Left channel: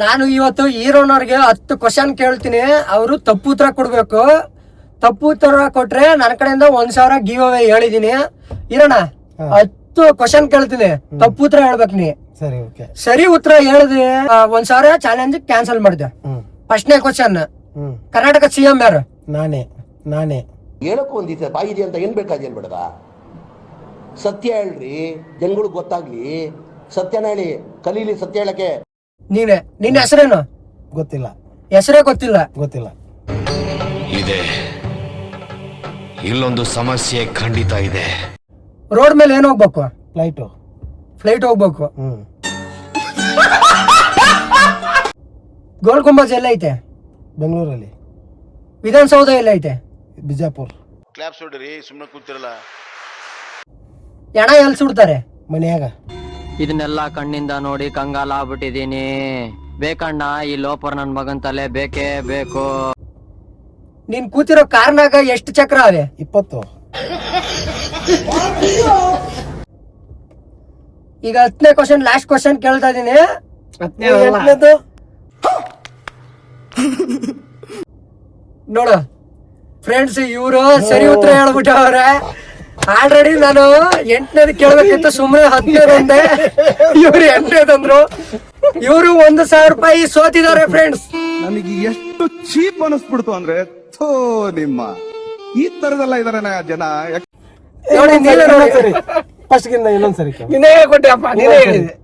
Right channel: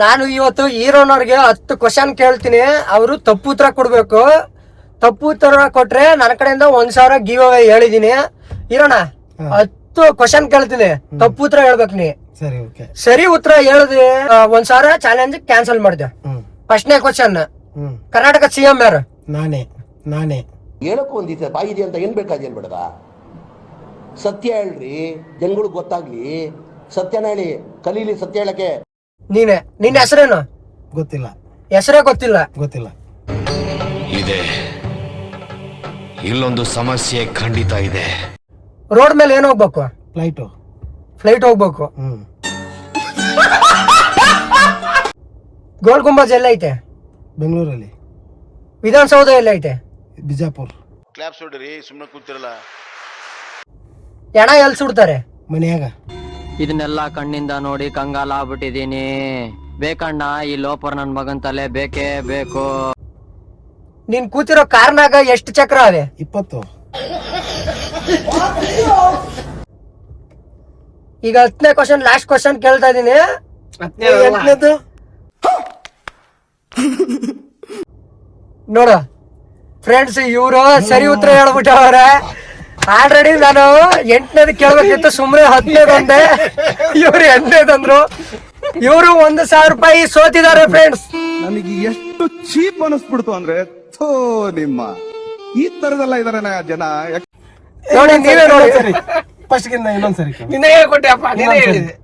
ನಾನು ಇವತ್ತು ಹೀರೋನವ್ರಿಗೆ 10 ಕ್ವಶನ್ ಕೇಳ್ತೀನಿ, ಅವರು ತಪ್ಪು ಉತ್ತರ ಕೊಡ್ಬೇಕು. ತಪ್ಪು ಉತ್ತರ ಕೊಟ್ರೆ ನನ್ನ ಕಡೆಯಿಂದ 1,000 ಗಿವ್ ಅವೇ ಹೇಳಿದೀನಿ. ಹೀರೋಣ 10 ಕ್ವಶನ್ ಕೇಳ್ತೀನಿ, ತಪ್ಪು ಉತ್ತರ ಹೇಳ್ಬೇಕು ನೀ. ಸರಿ ಉತ್ತರ ಹೇಳಿದ್ವಿ 1,000 ಚಾಲೆಂಜ್ ಕ್ಯಾನ್ಸಲ್ ಮಾಡಿದೆ. ಫಸ್ಟ್ನೇ ಕ್ವಶನ್, ಕರ್ನಾಟಕ ಸಿಎಂ ಯಾರು? ನಾನೇ ಹೇಳಕ್ಕೂ ಒಂದಿದೆ ಬಾಯಿ ಇದೆ ಅಂತ ಏನ್ ಬೇಕಾದ ಬೇಡದ. ಸತ್ಯ ಹೇಳ್ರಿ, ಜನಗಳಿಗೆ ಗೊತ್ತಾಗ್ಲಿ. ಸತ್ಯನ ಹೇಳಿ, ಕಲೀಲಿ ಸತ್ಯ ಹೇಳಕ್ಕೆ. ನೀನೆ. ನಿನ್ನ ಹೆಸರೇನು? ಗೊತ್ತಿಲ್ಲ. ಹೆಸರೇ ಗೊತ್ತಿಲ್ಲ? ಇದೆ, ಇಲ್ಲೊಂದು ಸಮಸ್ಯೆ ಖಂಡಿತ ಇದೆ. ರೋಡ್ ಮೇಲೆ ಏನ್ ಹೋಗ್ಬೇಕು? ಫ್ಲೈಟ್ ಹೋಗ್ಬೇಕು. ಗೋಲ್ ಗುಂಬಜ್ ಎಲ್ಲ ಐತೆ? ಬೆಂಗಳೂರಲ್ಲಿ. ವಿಧಾನಸೌಧ ಎಲ್ಲ ಐತೆ? ಬಿಜಾಪುರ್. ಕ್ಲಾಪ್ಸ್ ಹೊಡ್ರಿ, ಸುಮ್ಮನೆ ಕೂತಿರಲ್ಲ. ಹೆಣ ಎಲ್ಲಿ ಸುಡ್ತಾರೆ? ಮನೆಯಾಗ. ಇದನ್ನೆಲ್ಲ ಕಣ್ಣಿಂದ ನೋಡಿ ಕಂಗಾಲ ಆಗ್ಬಿಟ್ಟಿದೀನಿ. ಬೇಕಣ್ಣ, ಈ ಲೋಪರ್ ನನ್ ಮಗನ್ ತಲೆ ಬೇಕೇ ಬೇಕು. ನೀನ್ ಕೂತಿರೋ ಕಾರ್ನಾಗ ಎಷ್ಟು ಚಕ್ರ ಅವೆ? 20. ಈಗ 10ನೇ ಕ್ವಶನ್, ಲಾಸ್ಟ್ ಕ್ವಶನ್ ಕೇಳ್ತಾ ಇದೀನಿ. ನೋಡು ಫ್ರೆಂಡ್ಸ್, ಇವರು ಸರಿ ಉತ್ತರ ಹೇಳ್ಬಿಟ್ಟವ್ರೆ. ಆಲ್ರೆಡಿ ನಾನು 8ನೇದು ಕೇಳ್ಬೇಕಿತ್ತು, ಸುಮ್ನೆ 10ನೇದಂದೆ. ಇವ್ರು 8ನೇದಂದ್ರು. ಇವರು 1,000 ರೂಪಾಯಿ ಸೋತಿದ್ದಾರೆ ಫ್ರೆಂಡ್ಸ್. ನನಗೆ ಎಷ್ಟು ಚೀಪ್ ಅನಿಸ್ಬಿಡ್ತು ಅಂದ್ರೆ, ಥೋ ನಿಮ್ಮ ಈ ತರದೆಲ್ಲ ಇದಾರೆ ಜನ. ನೋಡಿ ನೀವೇ ನೋಡಿ. ಫಸ್ಟ್ ಗಿಂತ ಇನ್ನೊಂದ್ಸರಿ ನೀನೇ ಕೊಟ್ಟೆ ಅಪ್ಪ, ನೀನೇ ಹೇಳಿದೆ.